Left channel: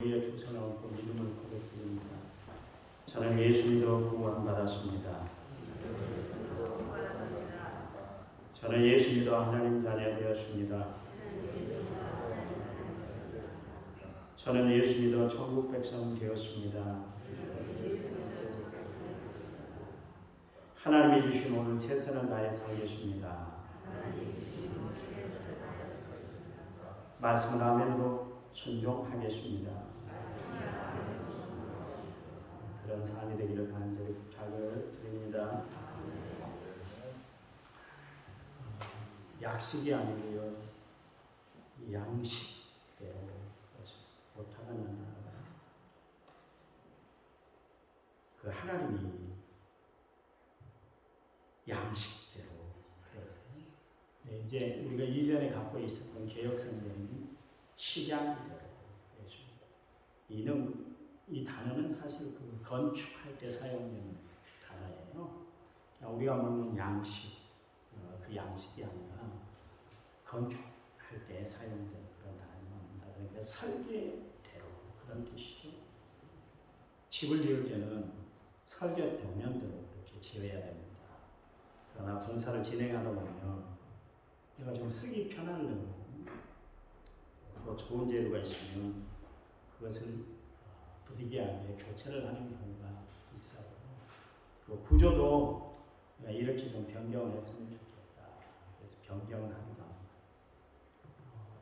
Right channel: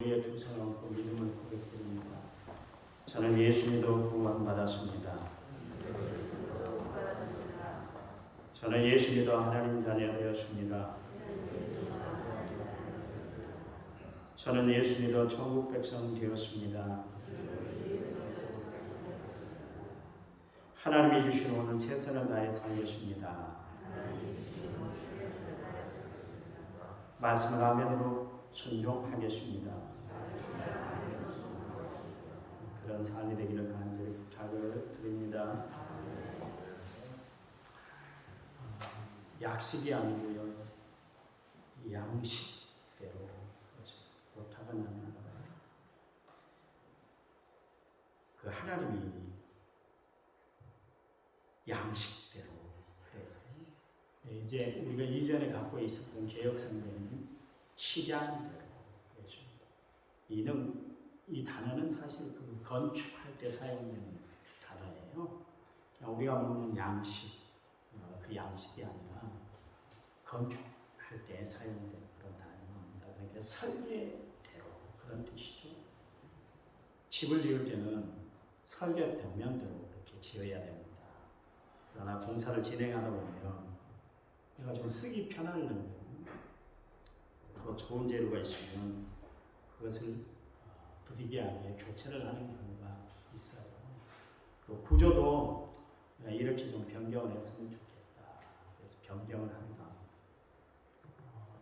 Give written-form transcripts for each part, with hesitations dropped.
우리의 두 손을 얹고 믿음을 고백드립니다. 저는 예수 믿어 구원받았습니다. 저는 예수 믿어 하나님 자녀 되었습니다. 저는 예수 믿어 천국 백성 되었습니다. 하나님이 주신 오늘 최선을 다해 살겠습니다. 말씀을 아멘으로 순종하겠습니다. 그런 삶이 되기를 간절히 부탁을 드립니다. 약식이 아니고요, 양식대로. 그렇죠. 오타가 나나봐요. 그 하나님이 양식대로 그랬어요. 이제 우리가 이전에 갖고 있었던 개혁성경은 식양대로 그래줍니다. 이 단어는 사실 그 건축할 때 사용되는 단어예요. 그냥 우리가 먹는 양식, 그 양식이 아니라 건축할 때 사용되는 그런 단어입니다. 그러니까 설계대로 그런 뜻이죠. 집을 지을 때는 설계 벽면대로 그렇게 지어야 됩니다. 그러나 공사를 진행하다 보면 내가 좀 쓰기 편하려고 더 좋은 재료가 있으면 그것을 부득이하게 교체를 하는 경우가 있어요. 또 구조도 이렇게 좀 변경을 했으면 좋겠다. 그래서 변경을 하기도 합니다.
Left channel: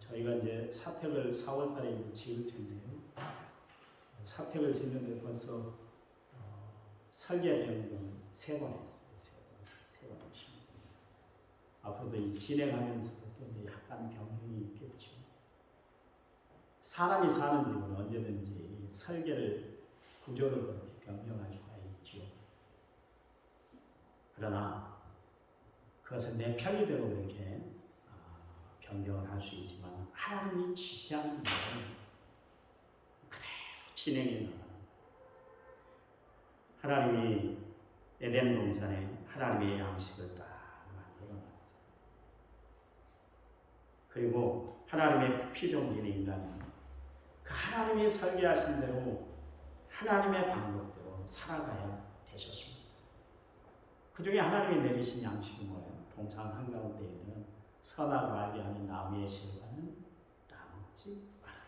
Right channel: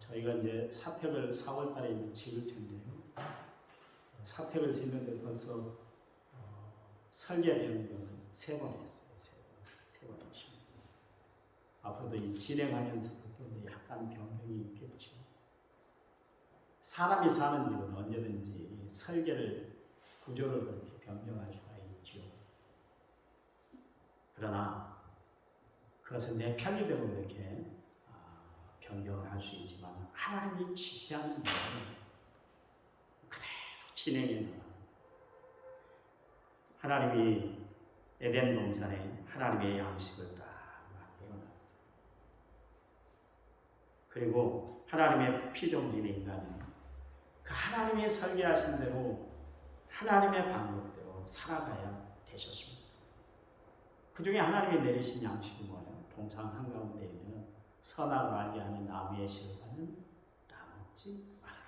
저희가 이제 사택을 4월 달에 이제 지을 텐데요. 사택을 짓는데 벌써 설계 변경을 3번 했어요. 3번 했습니다. 앞으로도 이 진행하면서도 또 이제 약간 변경이 있겠죠. 사람이 사는 집은 언제든지 설계를, 구조를 그렇게 변경할 수가 있죠. 그러나 그것은 내 편리대로 그렇게 변경을 할 수 있지만 하나님이 지시하는 일은 그대로 진행해 나가는 거예요. 하나님이 에덴 동산에 하나님의 양식을 딱 만들어 놨어요. 그리고 하나님의 피조물인 인간이 그 하나님이 설계하신 대로 하나님의 방법대로 살아가야 되셨습니다. 그 중에 하나님이 내리신 양식이 뭐예요? 동상 한가운데 있는 선악을 알게 하는 나무의 실과는 따먹지 말아라.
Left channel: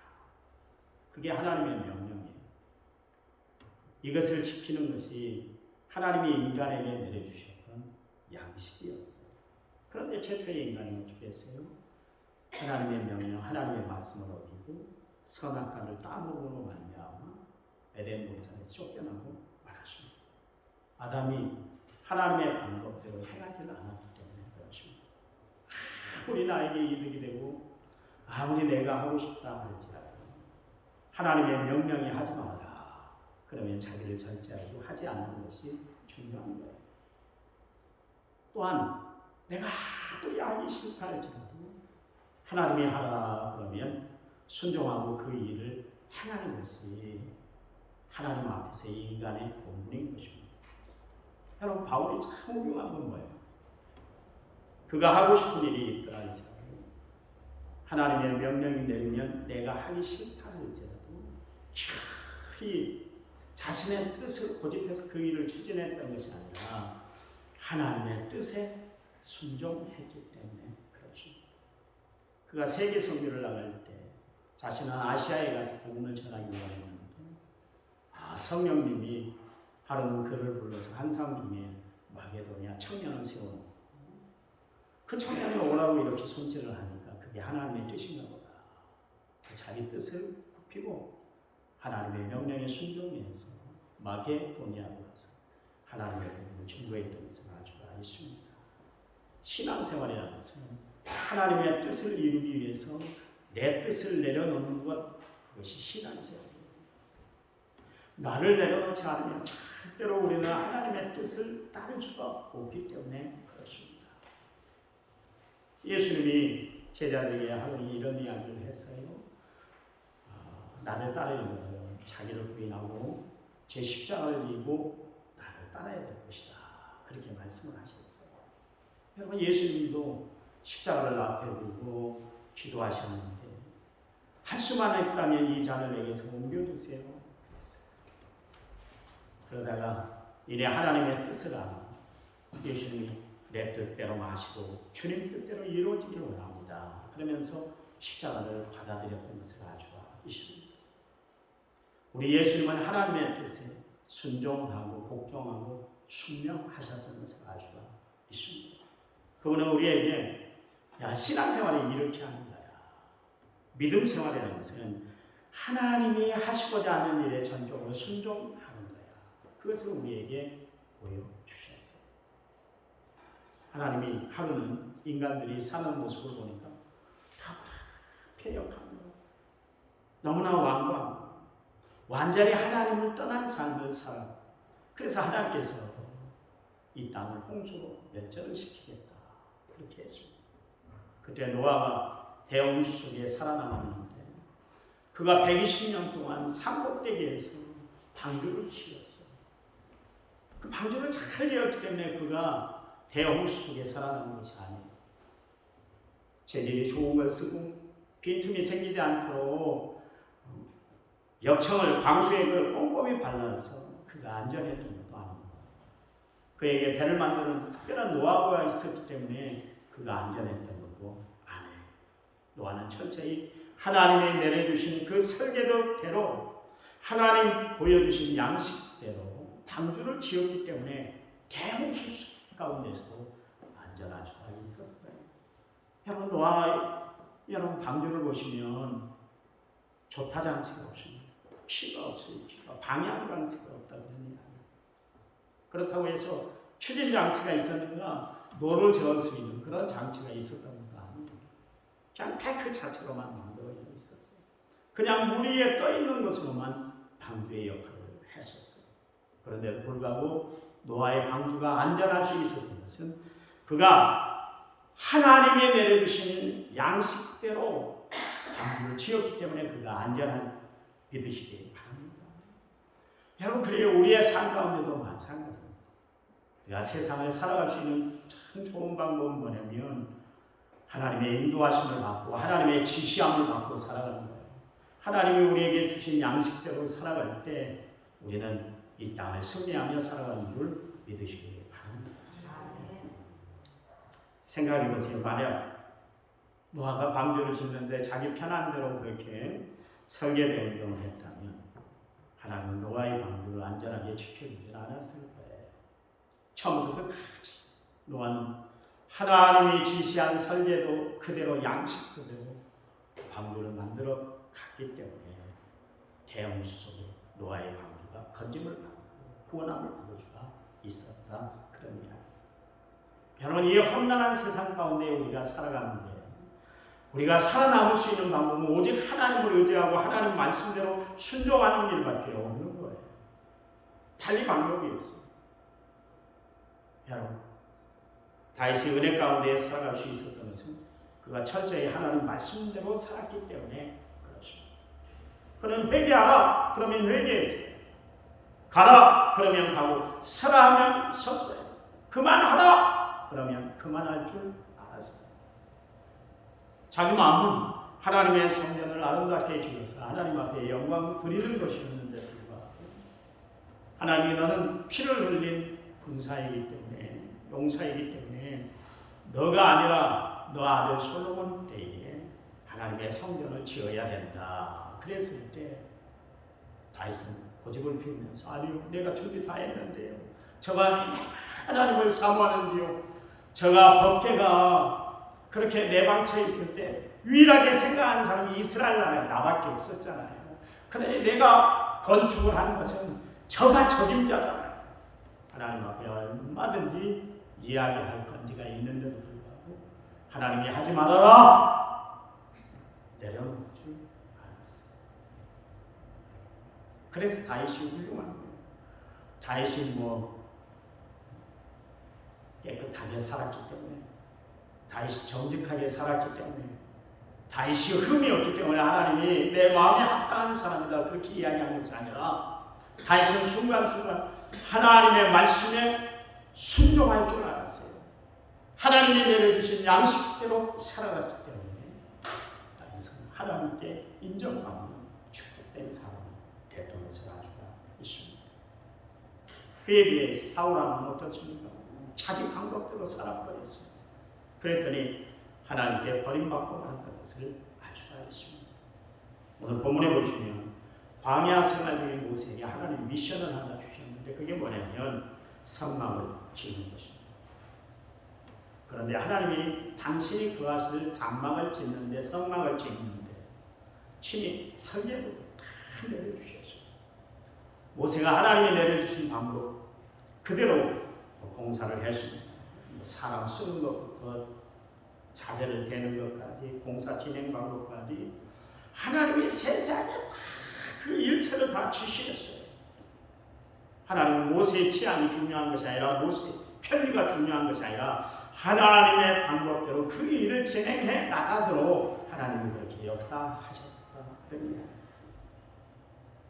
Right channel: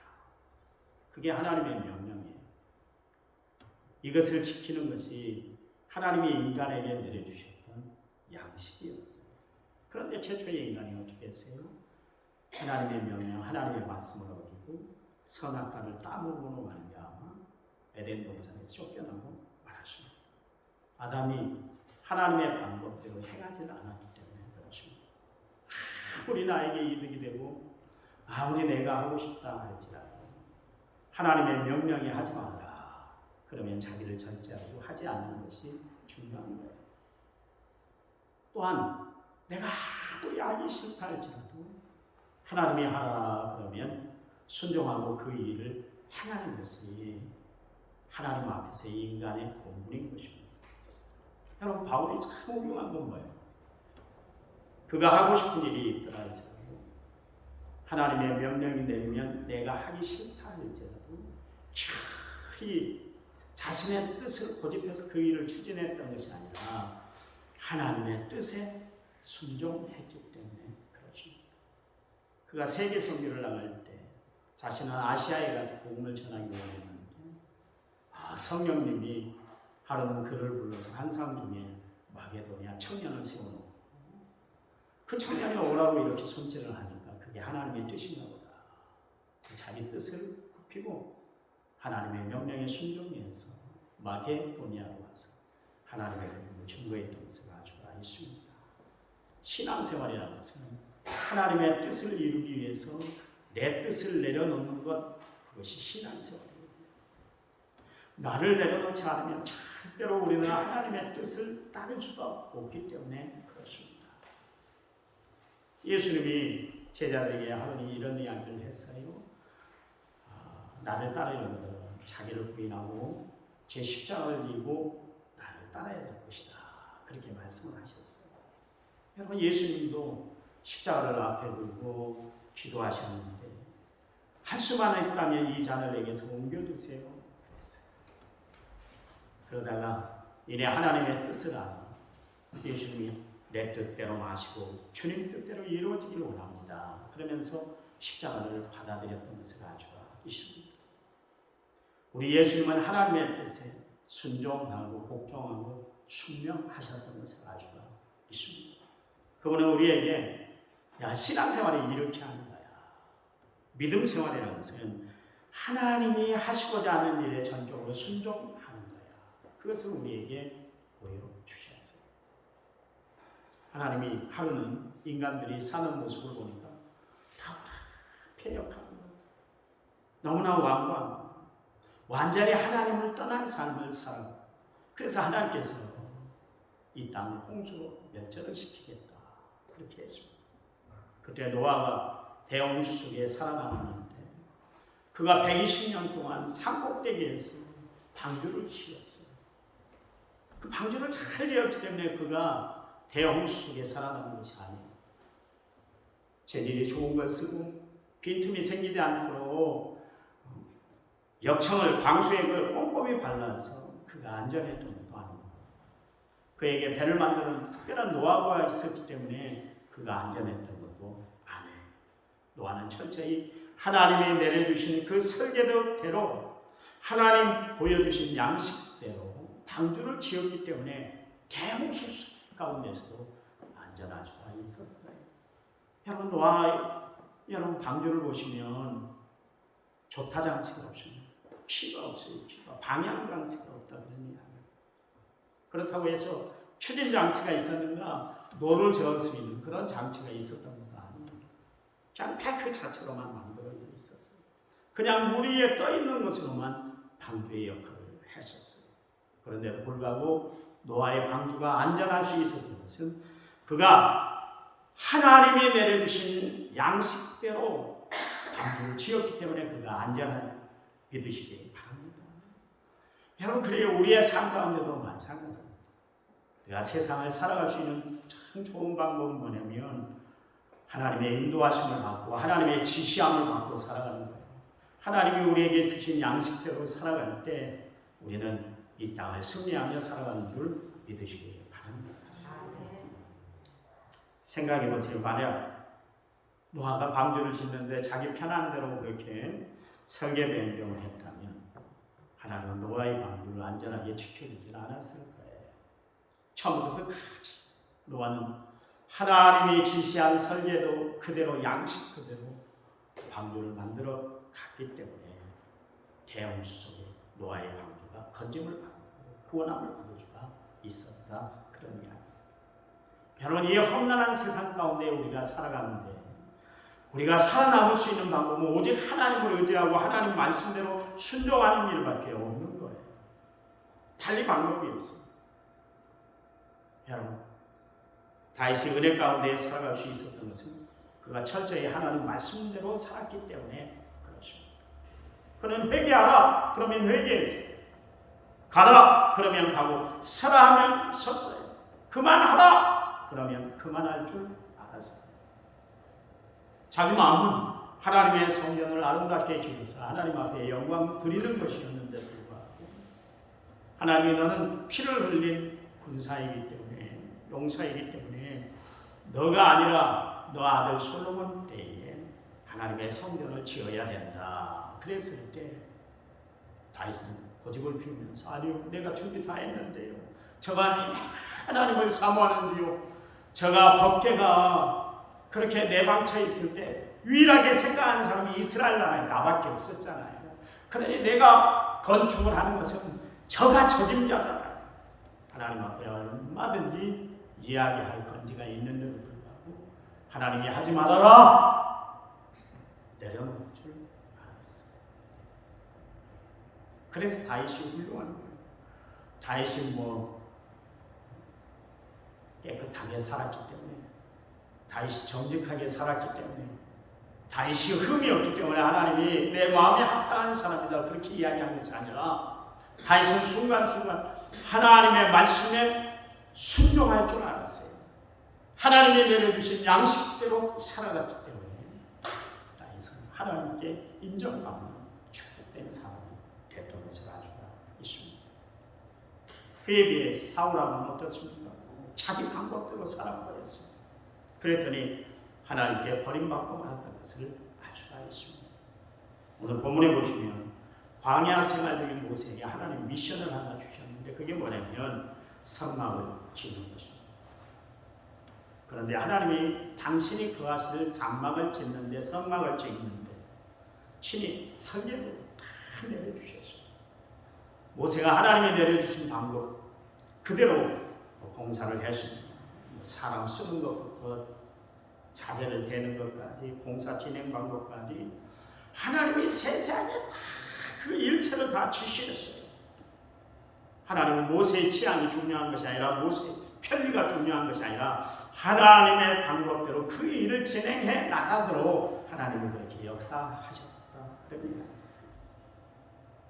그게 하나님의 명령이에요. 이것을 지키는 것이 하나님이 인간에게 내려주셨던 양식이었어요. 그런데 최초의 인간이 어떻게 했어요? 하나님의 명령, 하나님의 말씀을 어기고 선악과를 따먹음으로 말미암아 에덴 동산에 쫓겨나고 말았습니다. 아담이 하나님의 방법대로 행하지를 않았기 때문에 그렇습니다. 아무리 나에게 이득이 되고 아무리 내가 하고 싶다 할지라도 하나님의 명령이 하지 말아라. 그러면 자기를 절제하고 하지 않는 것이 중요한 거예요. 또한 내가 아무리 하기 싫다 할지라도 하나님이 하라 그러면 순종하고 그 일을 행하는 것이 하나님 앞에서 인간의 본분인 것입니다. 여러분, 바울이 참 훌륭한 건 뭐예요? 그가 하고 싶은 일이 있더라 할지라도 하나님의 명령이 내리면 내가 하기 싫다 할지라도 이 자신의 뜻을 고집해서 그 일을 추진했던 것이 아니라 하나님의 뜻에 순종했기 때문에 그렇습니다. 그가 세계 선교를 나갈 때 자신은 아시아에 가서 복음을 전하기로 했는데 성령님이 하루는 그를 불러서 환상 중에 마게도니아 청년을 세워놓고 그 청년이 오라고 이렇게 손질을 하니까 그게 하나님의 뜻인가 보다. 자기 뜻을 굽히고 하나님의 명령에 순종해서 마게도니아로 가서 하나님의 복음을 증거했던 것을 알 수가 있습니다. 신앙생활이라는 것은 하나님의 뜻을 이루기 위해서 내 뜻을 내려놓는 것, 그것이 신앙생활이에요. 나를 내려놓지 않으면 절대로 우리는 하나님의 뜻을 따를 수가 없기 때문에 그렇습니다. 예수님이 제자들에게 하루는 이런 이야기를 했어요. 나를 따르는 것은 자기를 부인하고 제 십자가를 지고 나를 따라야 될 것이다. 그렇게 말씀을 하셨어요. 여러분, 예수님도 십자가를 앞에 두고 기도하셨는데 할 수만 있다면 이 잔을 내게서 옮겨주세요. 그랬어요. 그러다가 이내 하나님의 뜻을 아는 예수님이 내 뜻대로 마시고 주님 뜻대로 이루어지길 원합니다. 그러면서 십자가를 받아들였던 것을 아주 있습니다. 우리 예수님은 하나님의 뜻에 순종하고 복종하고 순명하셨던 것을 아주 있습니다. 그분은 우리에게 신앙생활이 이렇게 하는 거야. 믿음 생활이라는 것은 하나님이 하시고자 하는 일에 전적으로 순종하는 거야. 그것을 우리에게 보여주셨어요. 하나님이 하루는 인간들이 사는 모습을 보니까 너무나 패역합니다. 너무나 완고합니다. 완전히 하나님을 떠난 삶을 살아가고, 그래서 하나님께서 이 땅을 홍수로 멸절을 시키겠다 그렇게 했습니다. 그때 노아가 대홍수 속에 살아남았는데 그가 120년 동안 산꼭대기에서 방주를 지었어요. 그 방주를 잘 지었기 때문에 그가 대홍수 속에 살아남은 것이 아니에요. 재질이 좋은 걸 쓰고 빈틈이 생기지 않도록 역청을 방수액을 그 꼼꼼히 발라서 그가 안전했던 것도 아닙니다. 그에게 배를 만드는 특별한 노하우가 있었기 때문에 그가 안전했던 것도 아니에요. 노아는 철저히 하나님이 내려주신 그 설계도대로 하나님 보여주신 양식대로 방주를 지었기 때문에 대홍수 가운데서도 안전할 수가 있었어요. 여러분 여러분 방주를 보시면 조타 장치가 없습니다. 피가 없어요. 피가 방향 장치가 없다 그런 이야기예요. 그렇다고 해서 추진 장치가 있었는가 노를 저을 수 있는 그런 장치가 있었던 것도 아니에요. 그냥 팩 자체로만 만들어 있었어요. 그냥 물 위에 떠 있는 것으로만 방주의 역할을 했었어요. 그런데도 불구하고 노아의 방주가 안전할 수 있었던 것은 그가 하나님이 내려주신 양식대로 방주를 지었기 때문에 그가 안전한 믿으시기 바랍니다. 여러분, 그래요. 우리의 삶 가운데도 마찬가지입니다. 우리가 세상을 살아갈 수 있는 참 좋은 방법은 뭐냐면 하나님의 인도하심을 받고 하나님의 지시함을 받고 살아가는 거예요. 하나님이 우리에게 주신 양식대로 살아갈 때 우리는 이 땅을 승리하며 살아가는 줄 믿으시기 바랍니다. 생각해 보세요. 만약 노아가 방주를 짓는데 자기 편한 대로 그렇게 설계 변경을 했다면 하나님은 노아의 방주를 안전하게 지켜주지 않았을 거예요. 처음부터 끝까지 노아는 하나님이 지시한 설계도 그대로 양식 그대로 방주를 만들어 갔기 때문에 대홍수 속에 노아의 방주가 건짐을 받고 구원함을 받을 수가 있었다 그런 이야기. 여러분, 이 험난한 세상 가운데 우리가 살아가는데 우리가 살아남을 수 있는 방법은 오직 하나님을 의지하고 하나님 말씀대로 순종하는 일밖에 없는 거예요. 달리 방법이 없어요. 여러분, 다윗이 은혜 가운데 살아갈 수 있었던 것은 그가 철저히 하나님 말씀대로 살았기 때문에 그렇습니다. 그는 회개하라 그러면 회개했어요. 가라 그러면 가고 서라 하면 섰어요. 그만하라 그러면 그만할 줄 알았어요. 자기 마음은 하나님의 성전을 아름답게 지어서 하나님 앞에 영광 드리는 것이었는데 불구하고 하나님이 너는 피를 흘린 군사이기 때문에 용사이기 때문에 너가 아니라 너 아들 솔로몬 때에 하나님의 성전을 지어야 된다. 그랬을 때 다윗은 고집을 피우면서 아니요 내가 준비 다 했는데요. 저가 하나님을 사모하는데요. 저가 법궤가 그렇게 내방쳐 있을 때 유일하게 생각한 사람이 이스라엘 나라에 나밖에 없었잖아요. 그러니 내가 건축을 하는 것은 저가 적임자잖아요. 하나님 앞에 얼마든지 이야기할 건지가 있는데도 불구하고 하나님이 하지 말아라 내려놓을 줄 알았어요. 그래서 다윗이 훌륭한 거예요. 다윗이 깨끗하게 살았기 때문에 다윗이 정직하게 살았기 때문에 다윗이 흠이 없기 때문에 하나님이 내 마음에 합당한 사람이다 그렇게 이야기한 것이 아니라 다윗은 순간순간 하나님의 말씀에 순종할 줄 알았어요. 하나님이 내려주신 양식대로 살아갔기 때문에 다윗은 하나님께 인정 인정받는 축복된 사람이 됐던 것을 알 수가 있습니다. 그에 비해 사울왕은 어떻습니까? 자기 방법대로 살아버렸어요. 그랬더니 하나님께 버림받고 말았던 것을 알 수가 있습니다. 오늘 본문에 보시면 광야 생활 중에 모세에게 하나님 미션을 하나 주셨는데 그게 뭐냐면 성막을 짓는 것입니다. 그런데 하나님이 당신이 거하실 장막을 짓는데 성막을 짓는데 친히 설계도 다 내려주셨어요. 모세가 하나님이 내려주신 방법 그대로 공사를 했습니다. 사람 쓰는 것부터 자재를 대는 것까지 공사 진행 방법까지 하나님이 세세하게 다 그 일체를 다 지시했어요. 하나님은 모세의 취향이 중요한 것이 아니라 모세의 편리가 중요한 것이 아니라 하나님의 방법대로 그 일을 진행해 나가도록 하나님은 그렇게 역사하셨다. 그런 이야기예요.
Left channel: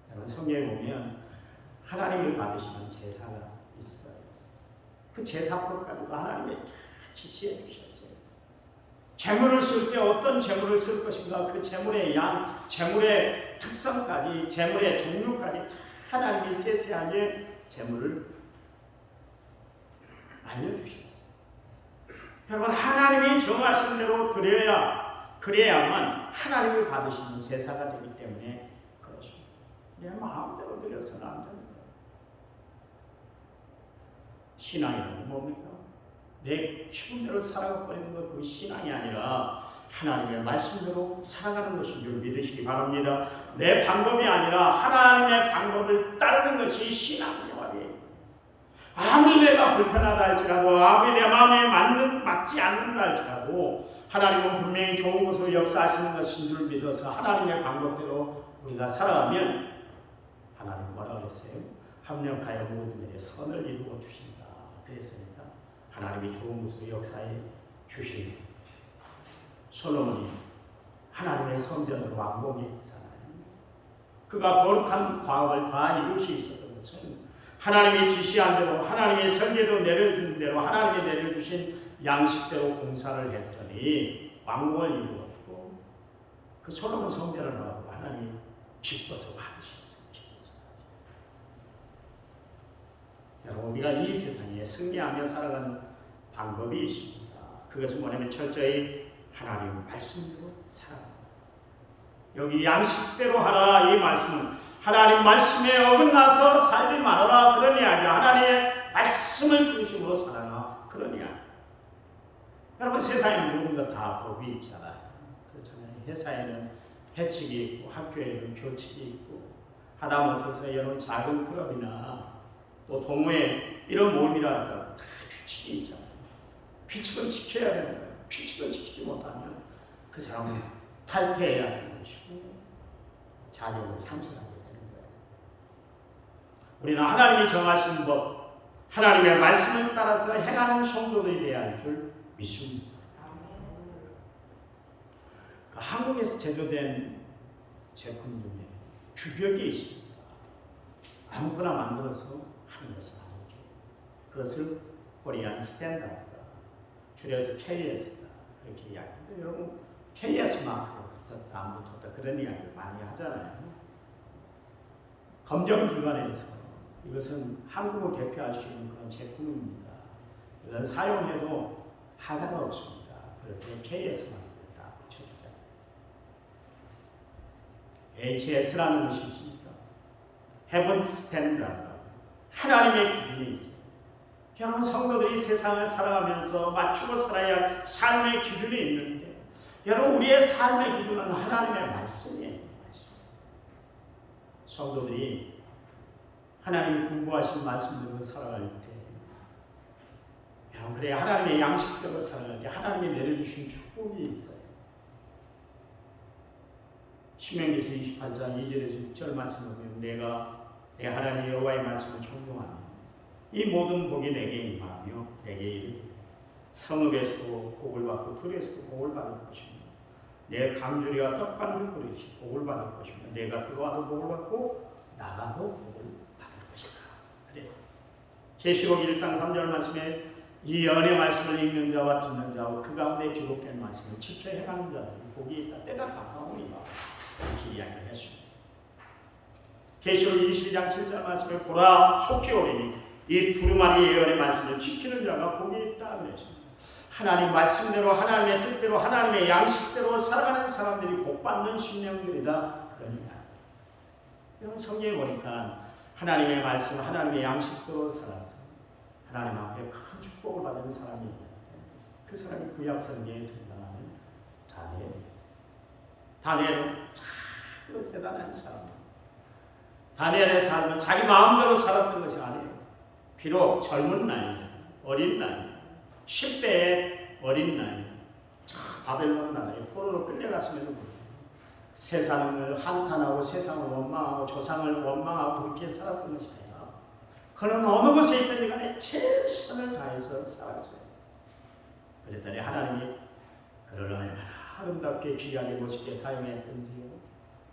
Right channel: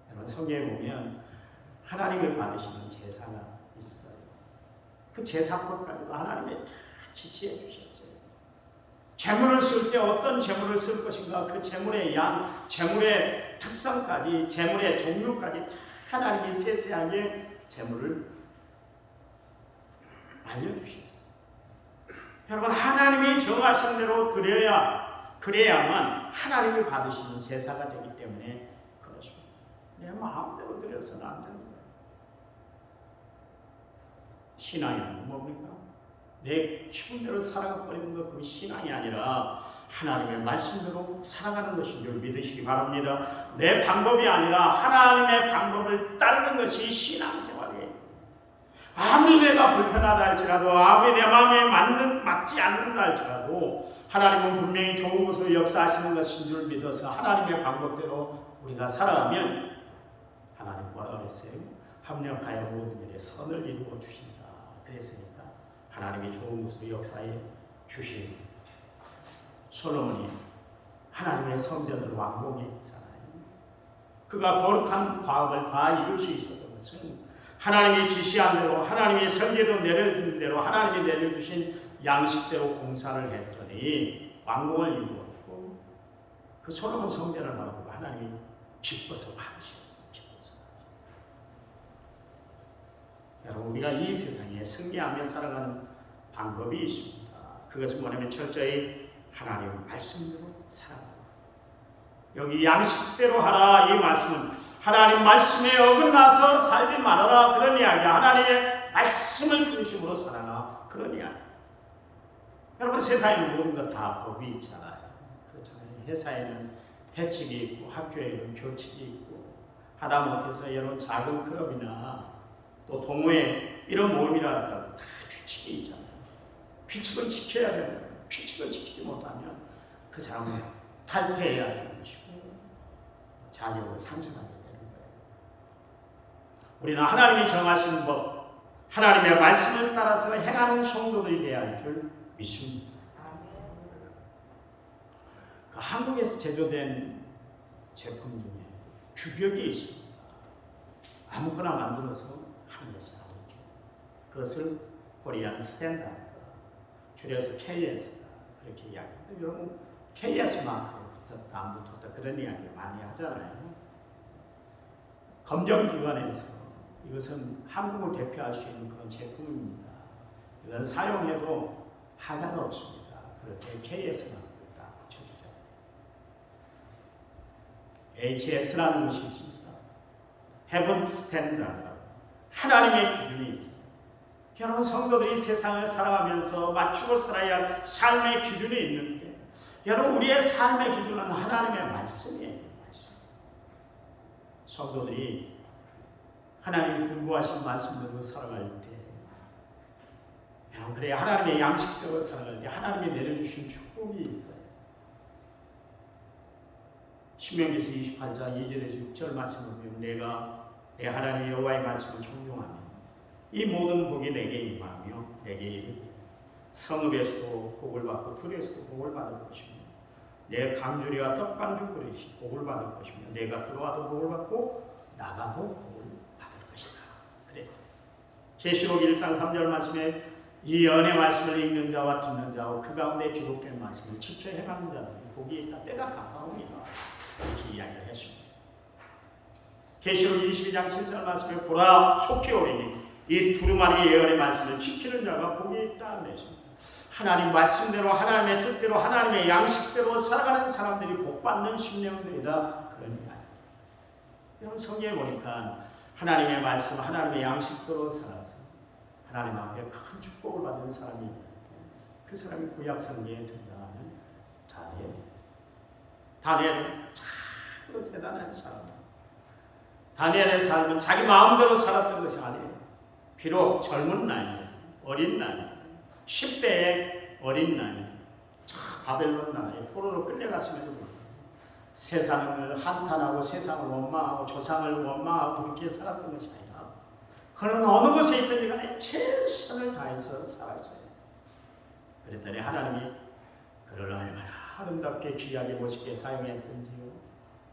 여러분 성경에 보면 하나님이 받으시는 제사가 있어요. 그 제사법까지도 하나님이 다 지시해 주셨어요. 제물을 쓸 때 어떤 제물을 쓸 것인가, 그 제물의 양, 제물의 특성까지, 제물의 종류까지 다 하나님이 세세하게 제물을 알려주셨어요. 여러분 하나님이 정하신 대로 그래야만 하나님이 받으시는 제사가 되기 때문에 그렇습니다. 내 마음대로 드려서는 안 되는 거예요. 신앙이라는 뭡니까? 내 기분대로 살아가버리는 것, 그 신앙이 아니라 하나님의 말씀대로 살아가는 것인 줄 믿으시기 바랍니다. 내 방법이 아니라 하나님의 방법을 따르는 것이 신앙생활이에요. 아무리 내가 불편하다 할지라도, 아무리 내 마음에 맞지 않는다 할지라도 하나님은 분명히 좋은 것으로 역사하시는 것인 줄 믿어서 하나님의 방법대로 우리가 살아가면 하나님 뭐라 그랬어요? 합력하여 모든 일에 선을 이루어 주신다. 그랬으니까 하나님이 좋은 것으로 역사해 주십니다. 솔로몬이 하나님의 성전을 완공했잖아요. 그가 거룩한 과업을 다 이룰 수 있었던 것은 하나님이 지시한 대로, 하나님의 설계도 내려준 대로, 하나님이 내려주신 양식대로 공사를 했더니 완공을 이루었고 그 솔로몬 성전을 바라보고 하나님이 기뻐서 받으셨어요. 여러분 우리가 이 세상에 승리하며 살아가는 방법이 있습니다. 그것은 뭐냐면 철저히 하나님 말씀대로 살아가는 거예요. 여기 양식대로 하라 이 말씀은 하나님 말씀에 어긋나서 살지 말아라 그런 이야기야. 하나님의 말씀을 중심으로 살아라 그런 이야기. 여러분 세상에는 모든 것 다 법이 있잖아요. 그렇잖아요. 회사에는 회칙이 있고 학교에는 교칙이 있고 하다 못해서 여러분 작은 클럽이나 또 동호회 이런 모임이라도 다 규칙이 있잖아요. 규칙은 지켜야 되는 거예요. 규칙을 지키지 못하면 그 사람은 탈퇴해야 되는 것이고 자격을 상실하게 되는 거예요. 우리는 하나님이 정하신 법, 하나님의 말씀을 따라서 행하는 성도들이 되어야 할 줄 믿습니다. 그 한국에서 제조된 제품 중에 규격이 있습니다. 아무거나 만들어서 하는 것이 아니죠. 그것을 코리안 스탠다드, 줄여서 KS다 그렇게 이야기합니다. 여러분 KS만큼 붙었다 안 붙었다 그런 이야기를 많이 하잖아요. 검정기관에서 이것은 한국을 대표할 수 있는 그런 제품입니다. 이건 사용해도 하자가 없습니다. 그렇게 KS만 딱 붙여주잖아요. HS라는 것이 있습니다. Heaven Standard, 하나님의 기준이 있습니다. 여러분 성도들이 세상을 살아가면서 맞추고 살아야 할 삶의 기준이 있는데 여러분 우리의 삶의 기준은 하나님의 말씀이에요. 말씀. 성도들이 하나님이 분부하신 말씀대로 살아갈 때 여러분 그래야 하나님의 양식대로 살아갈 때 하나님이 내려주신 축복이 있어요. 신명기서 28장 2절에서 6절 말씀을 보면 내가 내 하나님 여호와의 말씀을 존중하면 이 모든 복이 내게 임하며 내게 이르리 성읍에서도 복을 받고 들에서도 복을 받을 것이며 내 강주리와 떡반죽 그릇이 복을 받을 것이며 내가 들어와도 복을 받고 나가도 복을 받을 것이다. 그랬어요. 계시록 1장 3절 말씀에 이 연의 말씀을 읽는 자와 듣는 자와 그 가운데 기록된 말씀을 지켜 행하는 자들이 복이 있다. 때가 가까움이다. 이렇게 이야기를 했습니다. 계시록 22장 7절 말씀에 보라 속히 오리니 이 두루마리 예언의 말씀을 지키는 자가 복이 있다 그랬습니다. 하나님 말씀대로 하나님의 뜻대로 하나님의 양식대로 살아가는 사람들이 복받는 심령들이다 그런 이야기. 여러분 성경에 보니까 하나님의 말씀 하나님의 양식대로 살아서 하나님 앞에 큰 축복을 받은 사람이 있는데 그 사람이 구약 성경에 등장하는 다니엘입니다. 다니엘은 참으로 대단한 사람입니다. 다니엘의 삶은 자기 마음대로 살았던 것이 아니에요. 비록 젊은 나이, 어린 나이, 10대의 어린 나이, 바벨론 나라에 포로로 끌려갔음에도 불구하고 세상을 한탄하고 세상을 원망하고 조상을 원망하고 그렇게 살았던 것이 아니라 그는 어느 곳에 있든지 간에 최선을 다해서 살았어요. 그랬더니 하나님이 그를 얼마나 아름답게 귀하게 멋있게 사용했던지요.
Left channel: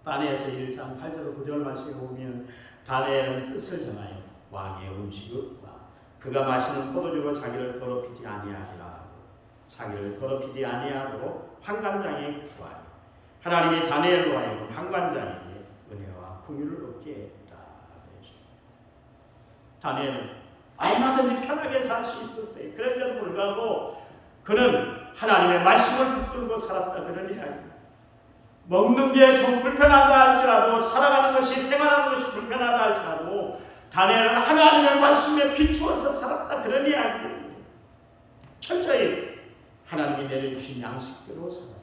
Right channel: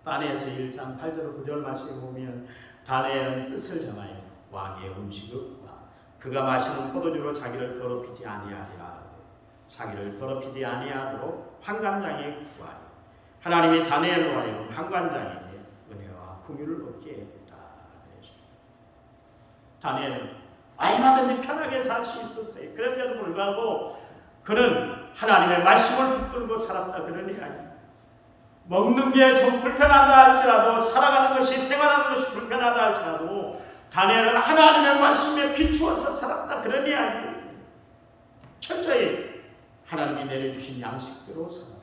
다니엘서 1장 8절 9절 말씀에 보면 다니엘은 뜻을 정하여 왕의 음식과 그가 마시는 포도주로 자기를 더럽히지 아니하리라 하고 자기를 더럽히지 아니하도록 환관장에 구하여 하나님이 다니엘로 하여금 환관장에게 은혜와 긍휼을 얻게 했다. 다니엘은 얼마든지 편하게 살 수 있었어요. 그런데도 불구하고 그는 하나님의 말씀을 붙들고 살았다 그런 이야기. 먹는 게 좀 불편하다 할지라도 살아가는 것이 생활하는 것이 불편하다 할지라도 다니엘은 하나님의 말씀에 비추어서 살았다 그런 이야기예요. 철저히 하나님이 내려주신 양식대로 살았다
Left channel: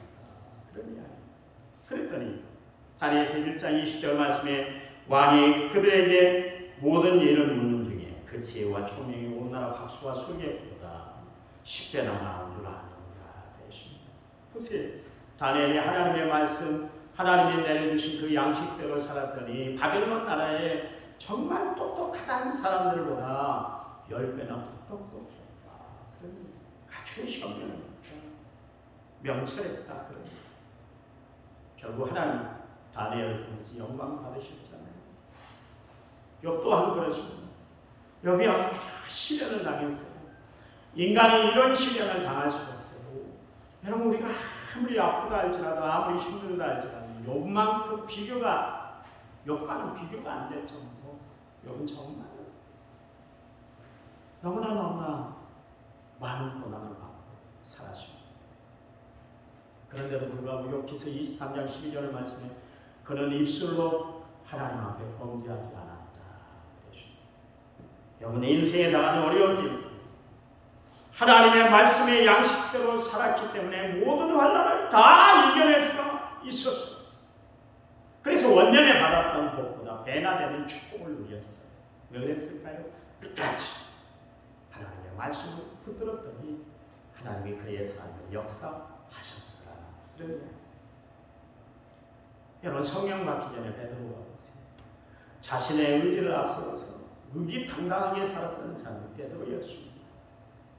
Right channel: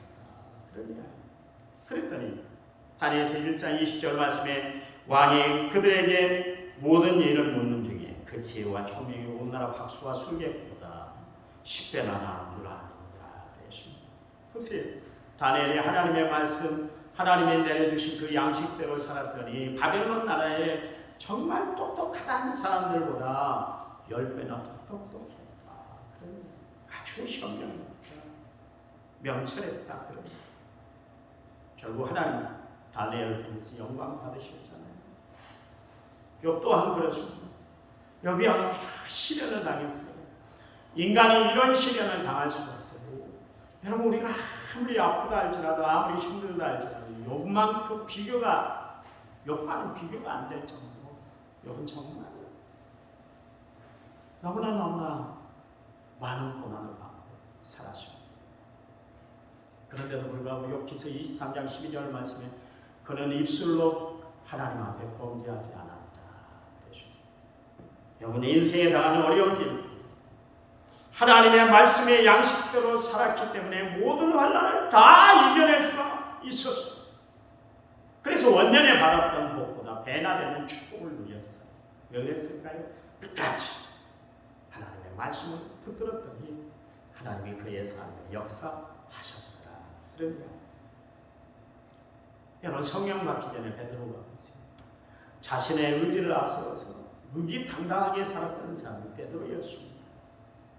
그런 이야기. 그랬더니 다니엘서 1장 20절 말씀에 왕이 그들에게 모든 일을 묻는 중에 그 지혜와 총명이 온 나라 박수와 술객보다 10배나 나은 줄 아느니라 했습니다. 보세요. 다니엘이 하나님의 말씀 하나님이 내려주신 그 양식대로 살았더니 바벨론 나라에 정말 똑똑한 사람들보다 10배나 똑똑했다. 아주 현명했다. 명철했다. 결국 하나님 다니엘을 통해서 영광 받으셨잖아요. 욥 또한 그렇습니다. 욥이 얼마나 시련을 당했어요. 인간이 이런 시련을 당할 수가 없어요. 여러분 우리가 아무리 아프다 할지라도 아무리 힘들다 할지라도 욥만큼 욥과는 비교가 안 될 정도로 욥은 정말 너무나 많은 고난을 받고 살았습니다. 그런데도 불구하고 욥기서 23장 12절 말씀에 그는 입술로 하나님 앞에 범죄하지 않았다. 욥은 인생에 당하는 어려운 일 하나님의 말씀의 양식대로 살았기 때문에 모든 환난을 다 이겨낼 수가 있었어요. 그래서 원년에 받았던 복보다 배나 되는 축복을 누렸어요. 왜 그랬을까요? 끝까지 하나님의 말씀을 붙들었더니 하나님이 그의 삶에 역사하셨더라. 그런 이야기. 여러분 성령 받기 전에 베드로가 보세요. 자신의 의지를 앞세워서 의기당당하게 살았던 사람이 베드로였습니다.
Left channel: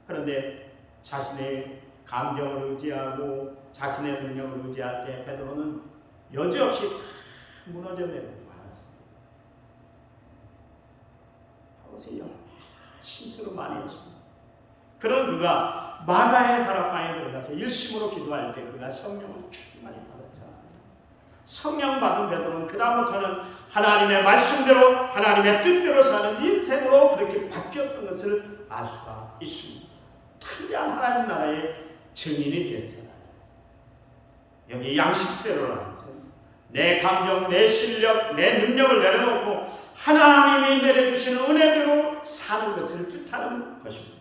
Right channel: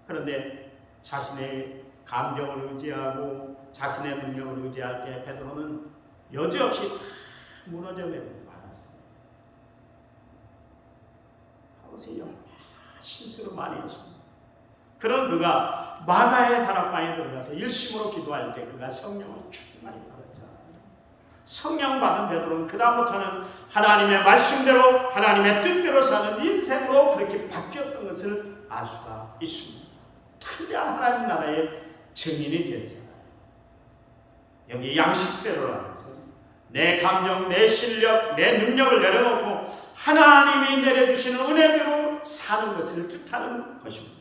그런데 자신의 감정을 의지하고 자신의 능력을 의지할 때 베드로는 여지없이 다 무너져 내리고 말았어요. 아버지 얼마나 실수를 많이 했습니다. 그런 그가 마가의 다락방에 들어가서 일심으로 기도할 때 그가 성령을 충만히 받았잖아요. 성령 받은 베드로는 그 다음부터는 하나님의 말씀대로 하나님의 뜻대로 사는 인생으로 그렇게 바뀌었던 것을 알 수가 있습니다. 참된 하나님 나라의 증인이 됐잖아요. 여기 양식대로라는 것은 내 감정, 내 실력, 내 능력을 내려놓고 하나님이 내려주시는 은혜대로 사는 것을 뜻하는 것입니다.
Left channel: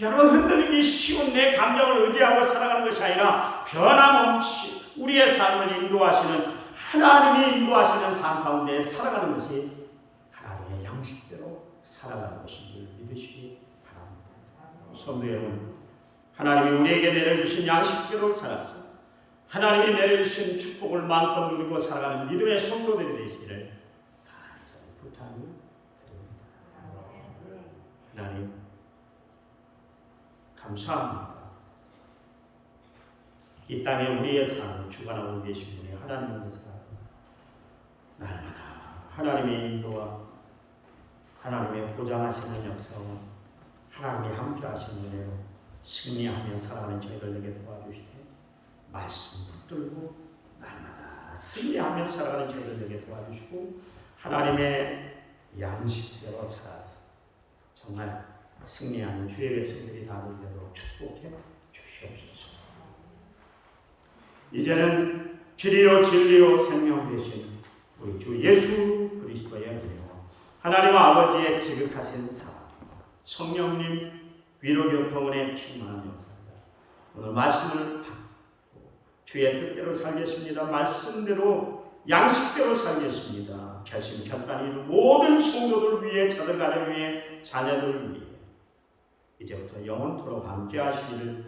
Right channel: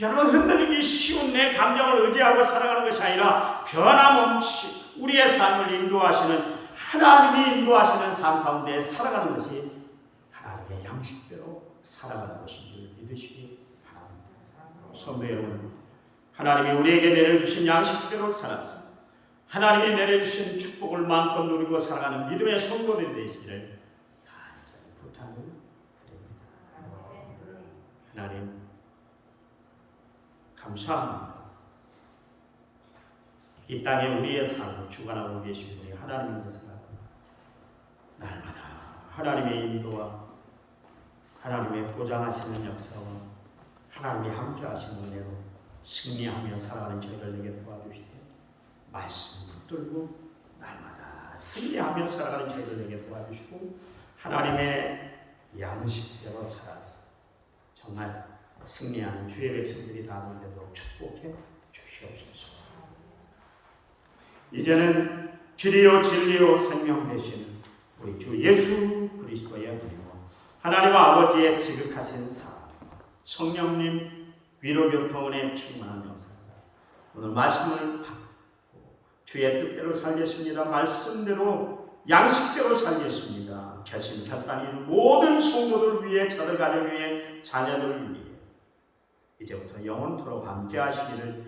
여러분 흔들리기 쉬운 내 감정을 의지하고 살아가는 것이 아니라 변함없이 우리의 삶을 인도하시는 하나님이 인도하시는 삶 가운데 살아가는 것이 하나님의 양식대로 살아가는 것인 줄 믿으시기 바랍니다. 성도 여러분, 하나님이 우리에게 내려주신 양식대로 살아서 하나님이 내려주신 축복을 마음껏 누리고 살아가는 믿음의 성도들이 되시기를 간절히 부탁을 드립니다. 하나님 감사합니다. 이 땅에 우리의 삶을 주관하고 계신 분이 하나님이면서 날마다 하나님의 인도와 하나님의 보장하시는 역사와 하나님이 함께 하시는 은혜로 승리하며 살아가는 저희들 에게 도와주시되 말씀 붙들고 날마다 승리하며 살아가는 저희들 되게 도와주시고 하나님의 양식대로 살아서 정말 승리하는 주의 백성들이 다 되도록 축복해 주시옵소서. 이제는 길이요 진리요 생명 되신 우리 주 예수 그리스도의 은혜와 하나님 아버지의 지극하신 사랑, 성령님 위로교통은혜 충만한 역사가 오늘 말씀을 받고 주의 뜻대로 살겠습니다. 말씀대로 양식대로 살겠습니다. 결심 결단이 이룬 모든 성도들 위해 저들 가정 위해 자녀들 위해 이제부터 영원토록 함께 하시기를